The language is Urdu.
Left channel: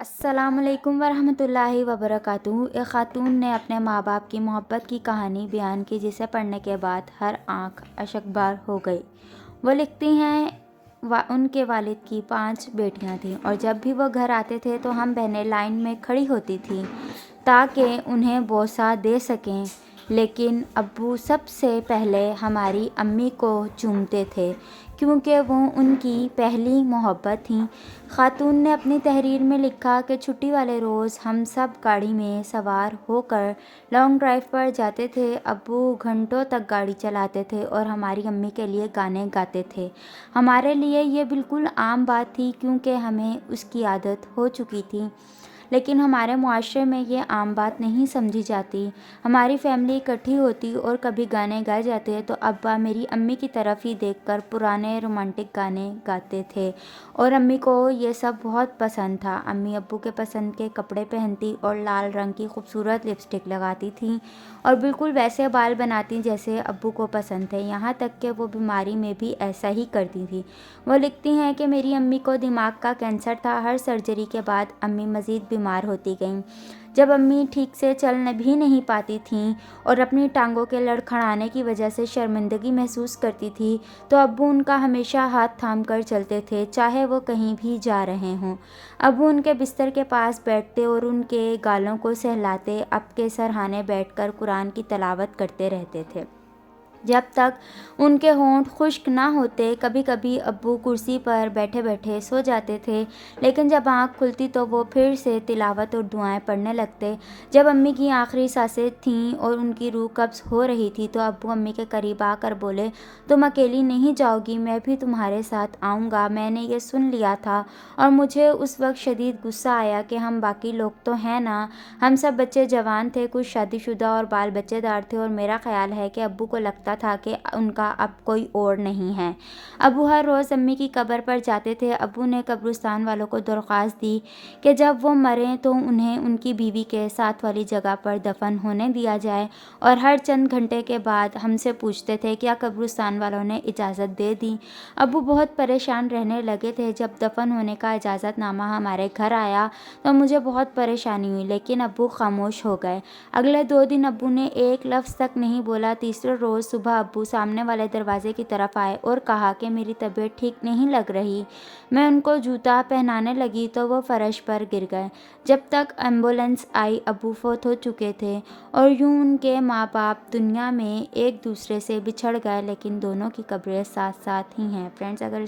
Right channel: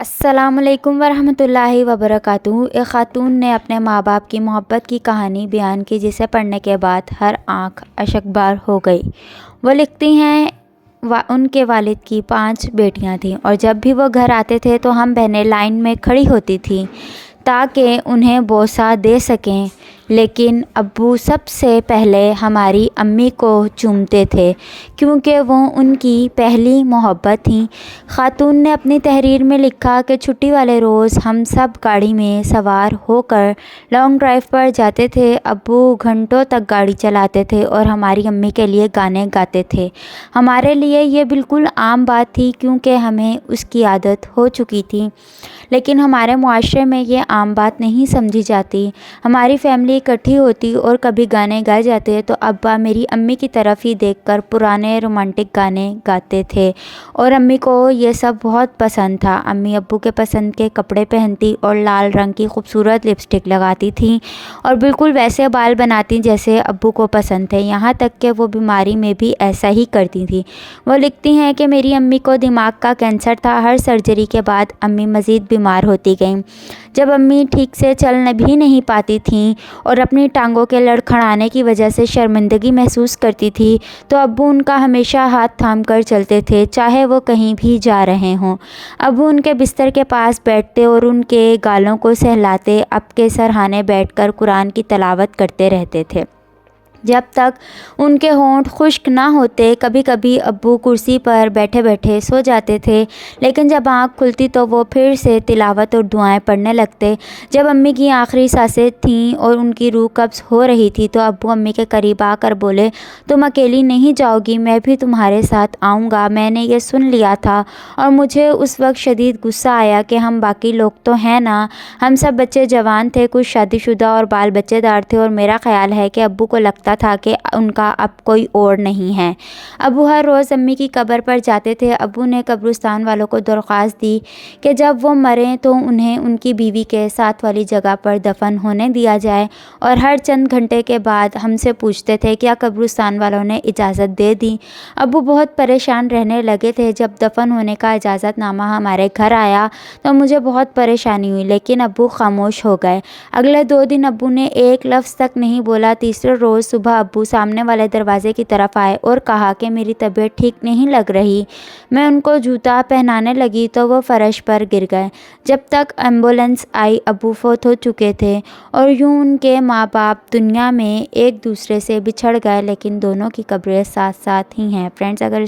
السلام علیکم ورحمۃ اللہ وبرکاتہ۔ ایک خاتون نے اپنے ماں باپ کی محبت کی کہانی بیان کی جسے پڑھنے کے بعد ہر آنکھ اشکبار ہو گئی۔ وہ لکھتی ہیں ان کے والد کی 5 بیٹیاں تھیں اور جب بھی وہ گھر آتے تھے تو ہم بہنیں لائن میں کھڑی ہوتی تھیں تاکہ انہیں بوسہ دے سکیں، لیکن ابو سب سے پہلے ہماری امی کو چومتے تھے کیونکہ وہ ان کی پہلی محبت تھیں۔ خاتون نے اپنی تحریر میں لکھا کہ چھٹی والے روز ہم سب گاڑی میں سوار ہو کر لانگ ڈرائیو پر جاتے تھے۔ ابو گھنٹوں تک گاڑی چلاتے تھے اور ہماری امی کے لیے گانے گاتے تھے۔ ہمارے لیے یہ بالکل عام بات تھی کیونکہ ہمیں اس کی عادت ہو چکی تھی، لیکن ہمارے معاشرے میں یہ عام بات نہیں سمجھی جاتی۔ ہماری فیملی اکٹھی ہوتی اور کبھی گانے گائے جاتے تو ابا میری امی کی طرف ہی دیکھ کر پرانے رومانٹک گانے گاتے تھے اور امی کو یہ سب بہت پسند تھا۔ امی ابو کے پسند کے کپڑے پہنتی اور لال رنگ کی خوبصورت لپسٹک لگاتی تھیں اور بالکل ویسے بال بناتی جیسے ابو کو پسند تھے، یہاں تک کہ وہ بیماری میں بھی ایسا ہی کرتی تھیں۔ وہ لکھتی ہیں کہ میری امی کو دماغ کا کینسر تھا۔ ہر سرجری کے بعد امی مزید بیمار ہوتی گئیں۔ جب امی ٹھیک سے چل بھی نہیں پاتی تھیں اور اپنی ٹانگوں کے لڑکھڑانے کی وجہ سے شرمندگی محسوس کرتی تھی تو ابو ان کا ہمیشہ ہاتھ تھام کر چلتے تھے، چاہے وہ کہیں بھی جا رہے ہوں۔ ابو ان کے بستر کے پاس بیٹھتے اور ان کے گالوں کو سہلاتے، اب کے سرہانے بیٹھ کر قرآن کی تلاوت کرتے رہتے تھے جب تک ان کے ہونٹ خشک نہ ہوتے۔ کبھی کبھی ابو کرسی پر بیٹھے بیٹھے سو جاتے تھے، لیکن جب آنکھ کھلتی تو وہ پھر سے تلاوت اور دعائیں پڑھنے لگتے۔ جب امی کی آخری سانسیں تھیں اور ان کی روح قبض ہو رہی تھی تو ابو امی کے قریب آ کر بولے، تم اکیلی نہیں جاؤ گی، میں بھی تمہارے ساتھ آؤں گا۔ میں نے یہ سن لیا تھا اور مجھے اس وقت شدید غصہ آیا کہ ہم باقی لوگ تو ہیں نا، ہم سب بچے جوان تھے، کچھ شادی شدہ اور بال بچے دار تھے، اور میرا خیال ہے کہ ابو کو لگتا تھا کہ ان کا اب کوئی اور نہیں ہے۔ ابو ہر روز امی کی قبر پر جاتے تھے۔ ابو نے قبرستان والوں کو درخواست دی کہ جب وہ مریں تو انہیں ان کی بیوی کے ساتھ والی جگہ پر دفن ہونے دیا جائے، اور ہر چند گھنٹے کے بعد ہم سے پوچھتے تھے کیا قبرستان والوں نے اجازت دے دی۔ ابو بہت پریشان رہنے لگے تھے۔ جب دفن ہونے کا اجازت نامہ ہمارے گھر آیا تو مجھے بہت پریشانی ہوئی، لیکن ابو خاموش ہو گئے۔ اگلے 2 دن ابو نے ایک لفظ تک نہیں بولا۔ تیسرے روز صبح ابو سامنے والے دروازے کی طرف آئے اور کہا کہ میری طبیعت ٹھیک نہیں لگ رہی۔ میں ان کو جوتا پہنانے لگی تو وہ فرش پر گر گئے۔ جب تک ایمبولینس آئی ابو فوت ہو چکے تھے، اور یوں ان کے ماں باپ دنیا میں ایک دوسرے سے بچھڑ گئے، لیکن دونوں کی قبریں ساتھ ساتھ ہی ہیں۔ فرینڈز، اگر